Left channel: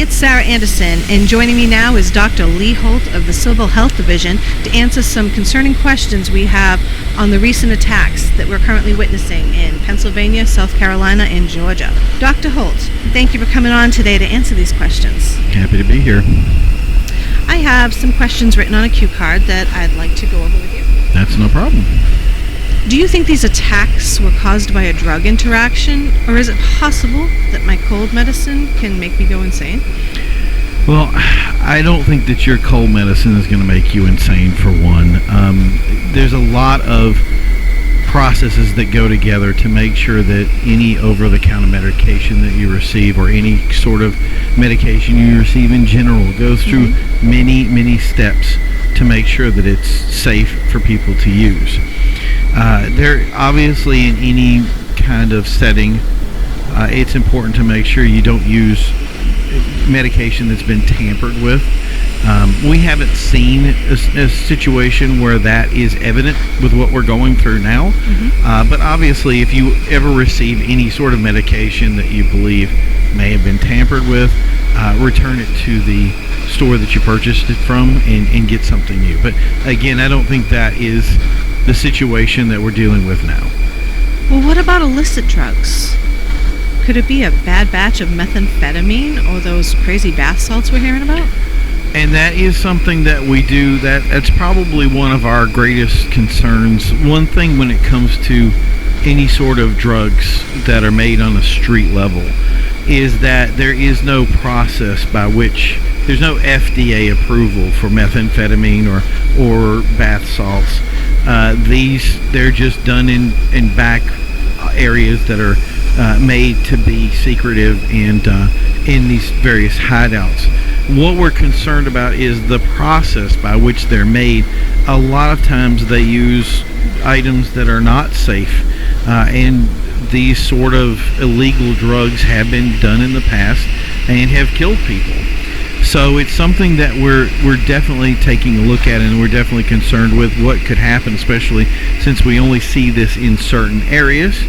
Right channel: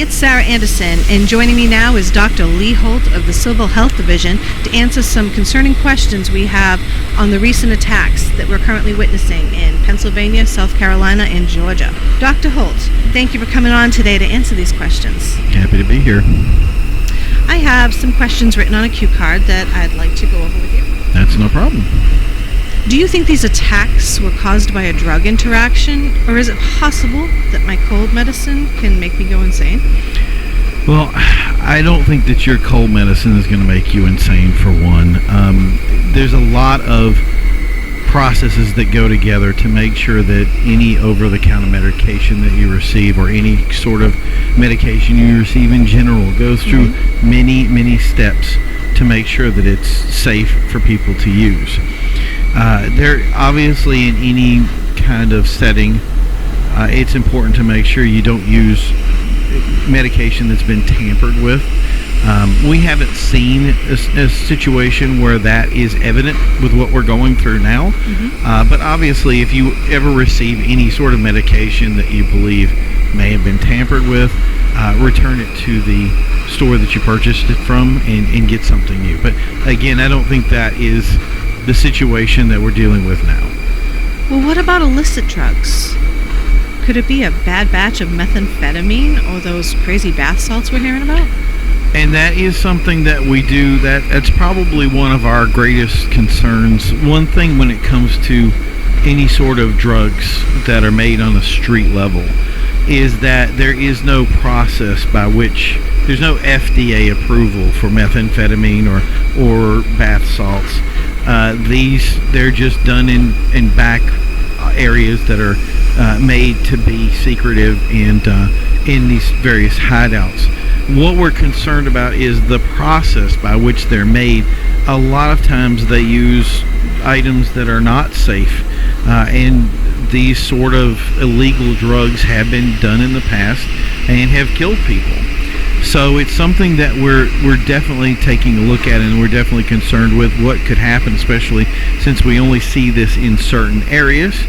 it's Sarah Anderson, and joining me now is Dr. Lee Holt of the Civil Health Division to answer some concerning questions we have on the recent attacks that we're currently witnessing in Pennsylvania, South Carolina, and Georgia. Dr. Holt, thank you for coming on today to answer these questions. Happy to be here. I have some questions written on a cue card that I'd like to go over with you. That's no problem. Do you think these attacks were caused by a drug interaction, or is it possible that my cold medicine can make me go insane? Well, I don't think that your cold medicine is going to make you insane, for one. There's a lot of processes that go together to make sure that any over-the-counter medication that you receive, or any sort of medication you receive in general, goes through many, many steps to make sure that it's safe for people to use. There obviously, in any kind of setting, it's important to make sure you don't use medication that's been tampered with. We haven't seen a situation where that is evident with what we're going through now. But obviously, if you ever receive any sort of medication that you believe may have been tampered with, return it to the store that you purchased it from and get something new. But again, I don't think that is the situation that we're dealing with now. Well, what about illicit drugs? Could it be a bad batch of methamphetamine or those crazy bath salts we're hearing about? And that is something that we do. That's probably one of our greatest concerns. One thing when it comes to any sort of drugs that are made on a street level is that there is no process by which there's no FDA approval for methamphetamine or bath salts. They're just done in back areas that are made to be secretive and in these various hideouts. What we're concerned about is the process by which they're made. A lot of times they use items that are not safe, and these sort of illegal drugs have been done in the past and have killed people. So it's something that we're definitely taking a look at, and we're definitely concerned with what could happen, especially since we only see this in certain areas,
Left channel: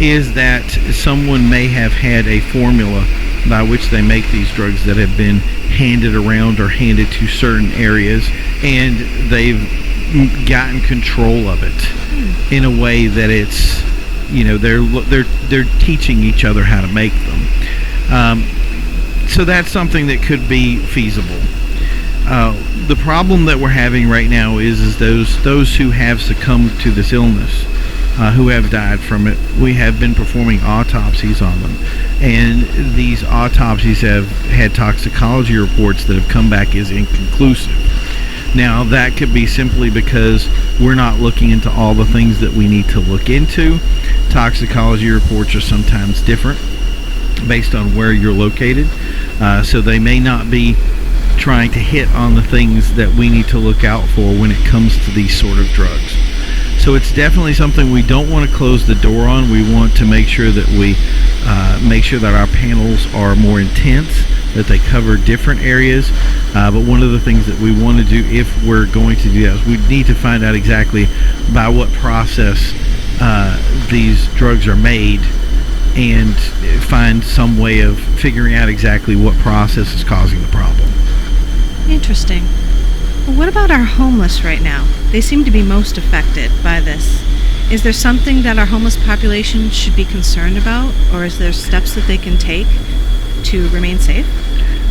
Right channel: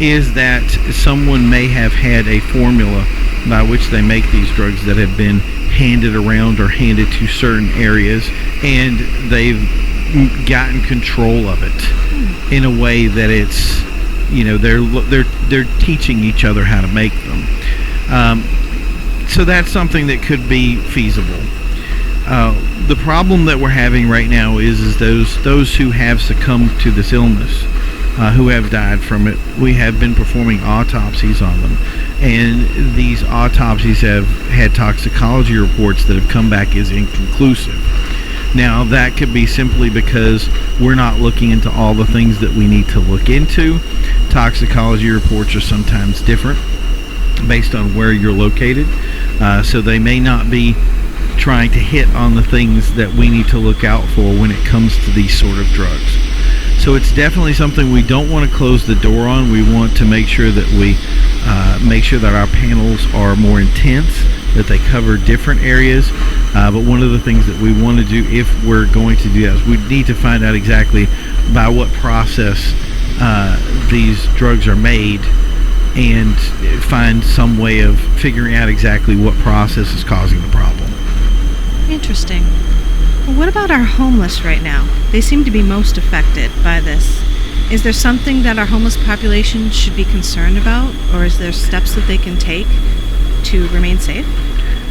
is that someone may have had a formula by which they make these drugs that have been handed around or handed to certain areas, and they've gotten control of it in a way that it's, they're teaching each other how to make them. So that's something that could be feasible. The problem that we're having right now is those who have succumbed to this illness, who have died from it. We have been performing autopsies on them, and these autopsies have had toxicology reports that have come back as inconclusive. Now, that could be simply because we're not looking into all the things that we need to look into. Toxicology reports are sometimes different based on where you're located, so they may not be trying to hit on the things that we need to look out for when it comes to these sort of drugs. So it's definitely something we don't want to close the door on. We want to make sure that we make sure that our panels are more intense, that they cover different areas. But one of the things that we want to do, if we're going to do that, is we need to find out exactly by what process these drugs are made, and find some way of figuring out exactly what process is causing the problem. Interesting. Well, what about our homeless right now? They seem to be most affected by this. Is there something that our homeless population should be concerned about, or is there steps that they can take to remain safe?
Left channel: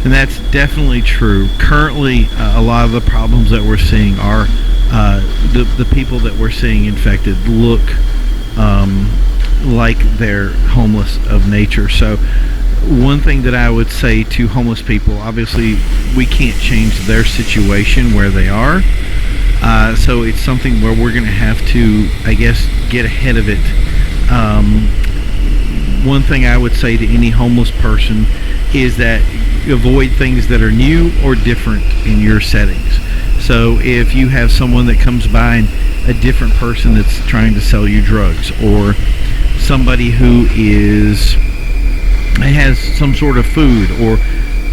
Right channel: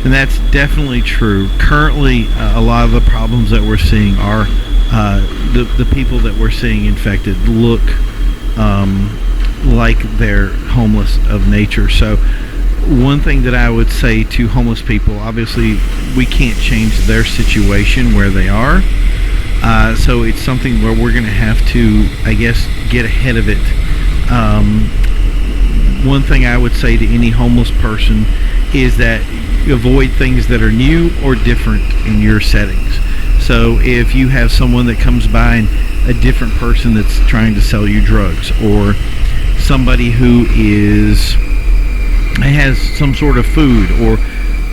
And that's definitely true. Currently, a lot of the problems that we're seeing are the people that we're seeing infected look like they're homeless of nature. So one thing that I would say to homeless people, obviously we can't change their situation where they are, so it's something where we're going to have to, I guess, get ahead of it. One thing I would say to any homeless person is that you avoid things that are new or different in your settings. So if you have someone that comes by and a different person that's trying to sell you drugs, or somebody who has some sort of food, or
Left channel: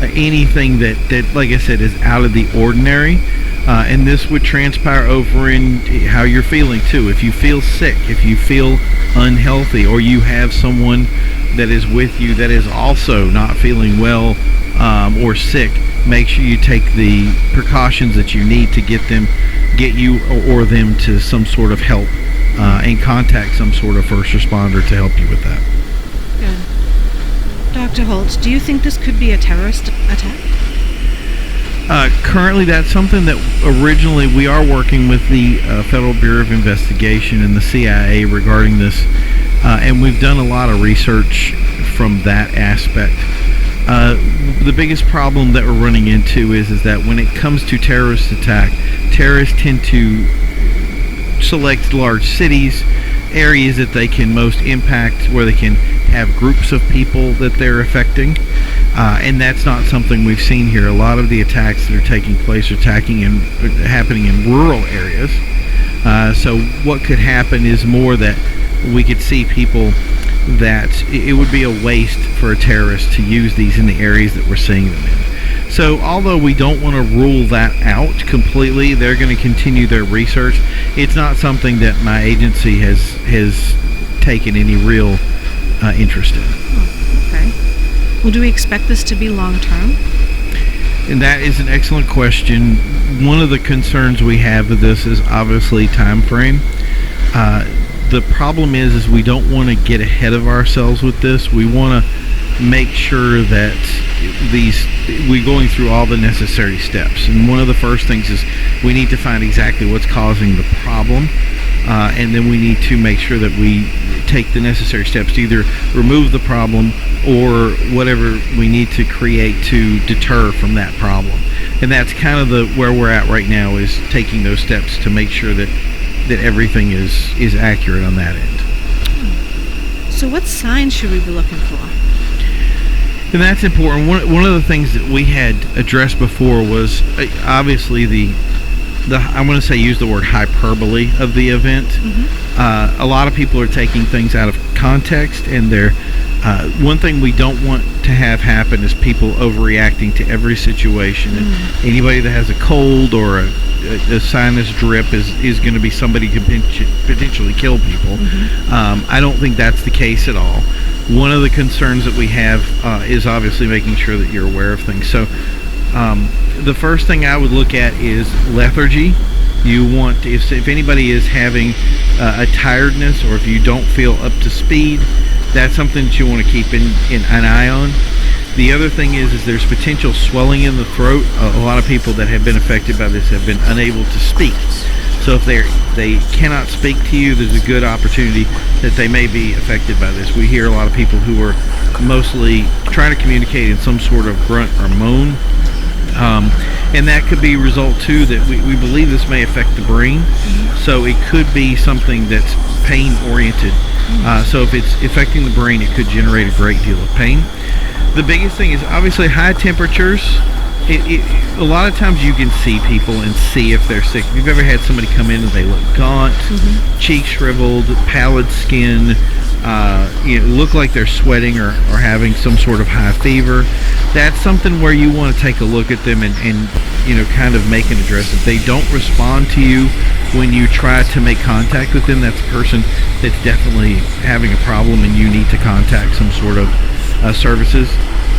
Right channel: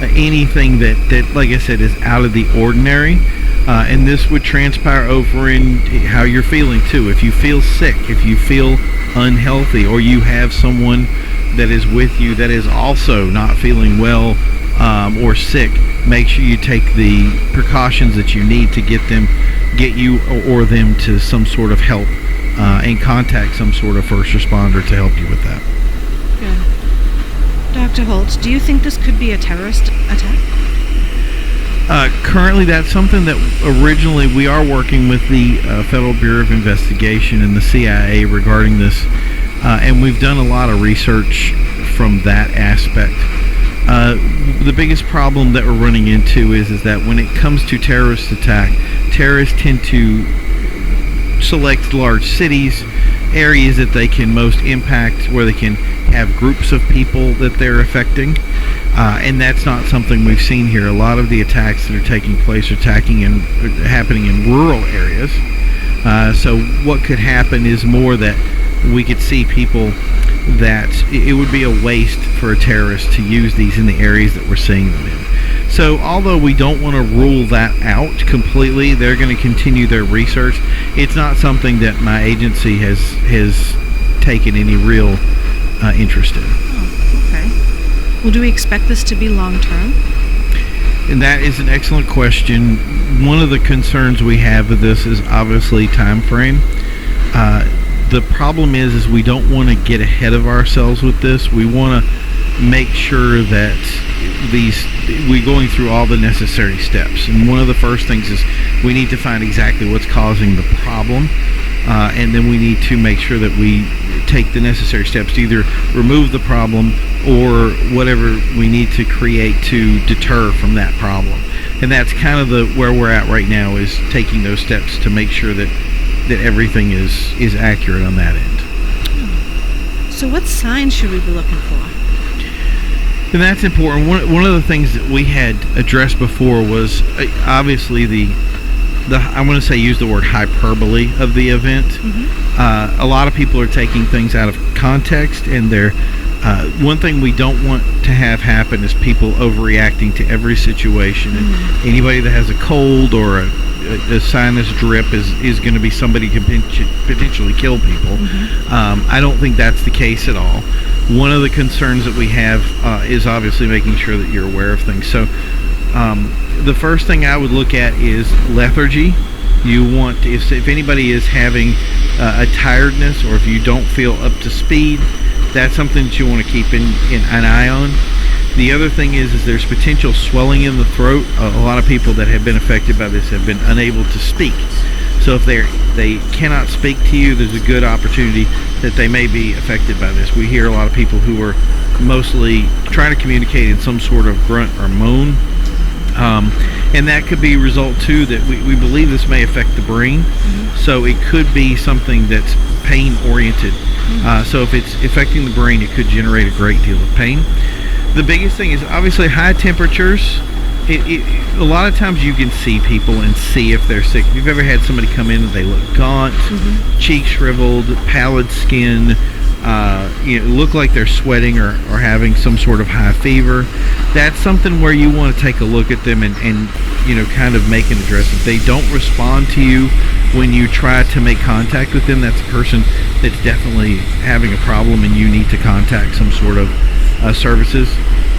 anything that like I said is out of the ordinary, and this would transpire over in how you're feeling too. If you feel sick, if you feel unhealthy, or you have someone that is with you that is also not feeling well, or sick, make sure you take the precautions that you need to get you or them to some sort of help, and contact some sort of first responder to help you with that. Good. Dr. Holt, do you think this could be a terrorist attack? Currently, that's something that originally we are working with the Federal Bureau of Investigation and the CIA regarding this, and we've done a lot of research from that aspect. The biggest problem that we're running into is that when it comes to terrorist attack, terrorists tend to select large cities, areas that they can most impact, where they can have groups of people that they're affecting, and that's not something we've seen here. A lot of the attacks that are taking place are happening in rural areas. So what could happen is more that we could see people that it would be a waste for a terrorist to use these in the areas that we're seeing them in. So although we don't want to rule that out completely, they're going to continue their research. It's not something that my agency has taken any real interest in. Oh, okay. Well, do we expect this to be long-term? And that is an excellent question. One of the concerns we have with this is obviously time frame. The problem is we don't want to get ahead of ourselves with this. We want to make sure that we're going through all the necessary steps. And one of the first things is we need to find exactly what's causing the problem. And then we need to make sure that we take the necessary steps to either remove the problem or whatever we need to create to deter from that problem. And that's kind of where we're at right now, is taking those steps to make sure that everything is accurate on that end. So what signs should we be looking for? And that's important. One of the things that we had addressed before was obviously the I want to say use the word hyperbole of the event. Mm-hmm. A lot of people are taking things out of context, and one thing we don't want to have happen is people overreacting to every situation. Mm-hmm. And anybody that has a cold or a sinus drip is going to be somebody who can potentially kill people. Mm-hmm. I don't think that's the case at all. One of the concerns that we have is obviously making sure that you're aware of things. So the first thing I would look at is lethargy. You want to, if anybody is having a tiredness, or if you don't feel up to speed, that's something that you want to keep in an eye on. The other thing is there's potential swelling in the throat. A lot of people that have been affected by this have been unable to speak. So if they cannot speak to you, there's a good opportunity that they may be affected by this. We hear a lot of people who are mostly trying to communicate in some sort of grunt or moan. And that could be a result too that we believe this may affect the brain. Mm-hmm. So it could be something that's pain oriented. Mm-hmm. So if it's affecting the brain, it could generate a great deal of pain. The biggest thing is obviously high temperatures. A lot of times you can see people and see if they're sick. If you've ever had somebody come in and they look gaunt, mm-hmm. cheeks shriveled, pallid skin, look like they're sweating or having some sort of high fever, that's something where you want to take a look at them and kind of make an address. If they don't respond to you when you try to make contact with them, that's a person that's definitely having a problem and you need to contact some sort of services.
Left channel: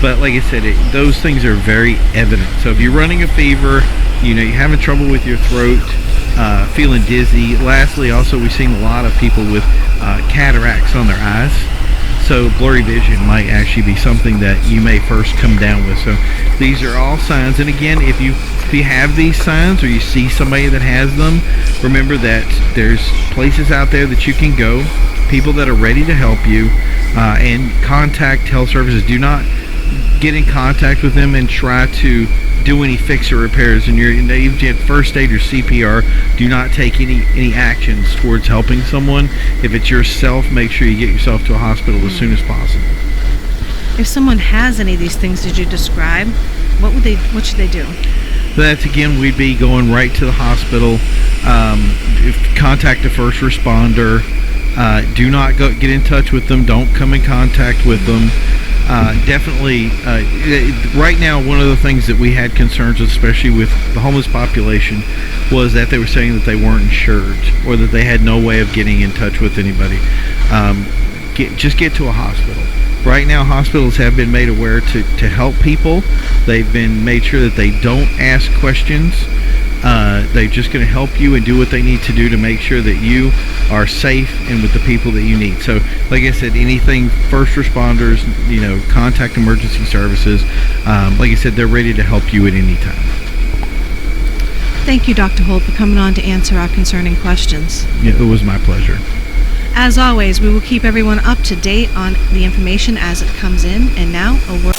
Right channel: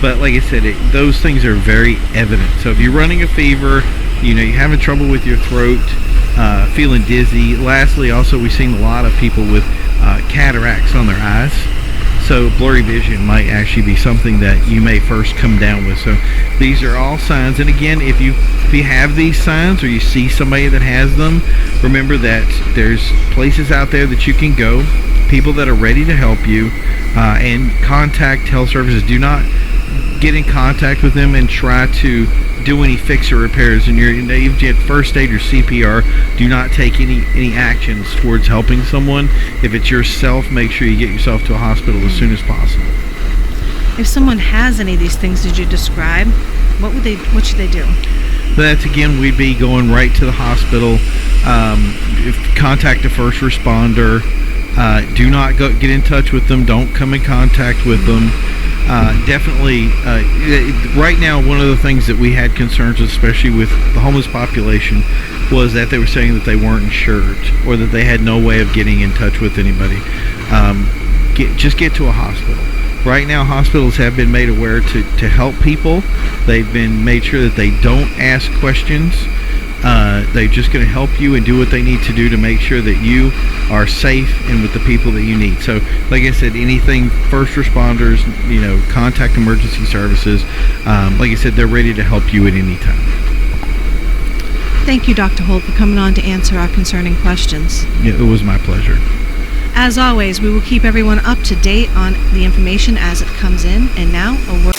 But like I said, those things are very evident. So if you're running a fever, you're having trouble with your throat, feeling dizzy. Lastly, also we've seen a lot of people with cataracts on their eyes. So blurry vision might actually be something that you may first come down with. So these are all signs. And again, if you have these signs or you see somebody that has them, remember that there's places out there that you can go, people that are ready to help you, and contact health services. Do not get in contact with them and try to do any fix or repairs. And even at first aid or CPR, do not take any actions towards helping someone. If it's yourself, make sure you get yourself to a hospital as soon as possible. If someone has any of these things that you describe, what should they do? That's again, we'd be going right to the hospital. Contact a first responder. Do not get in touch with them. Don't come in contact with them. Definitely, right now, one of the things that we had concerns with, especially with the homeless population, was that they were saying that they weren't insured or that they had no way of getting in touch with anybody. Just get to a hospital. right now hospitals have been made aware to help people. They've been made sure that they don't ask questions. They're just going to help you and do what they need to do to make sure that you are safe and with the people that you need. So, like I said, anything first responders, contact emergency services. Like I said, they're ready to help you at any time. Thank you, Dr. Holt, for coming on to answer our concerning questions. Yeah, it was my pleasure. As always, we will keep everyone up to date on the information as it comes in. And now, a word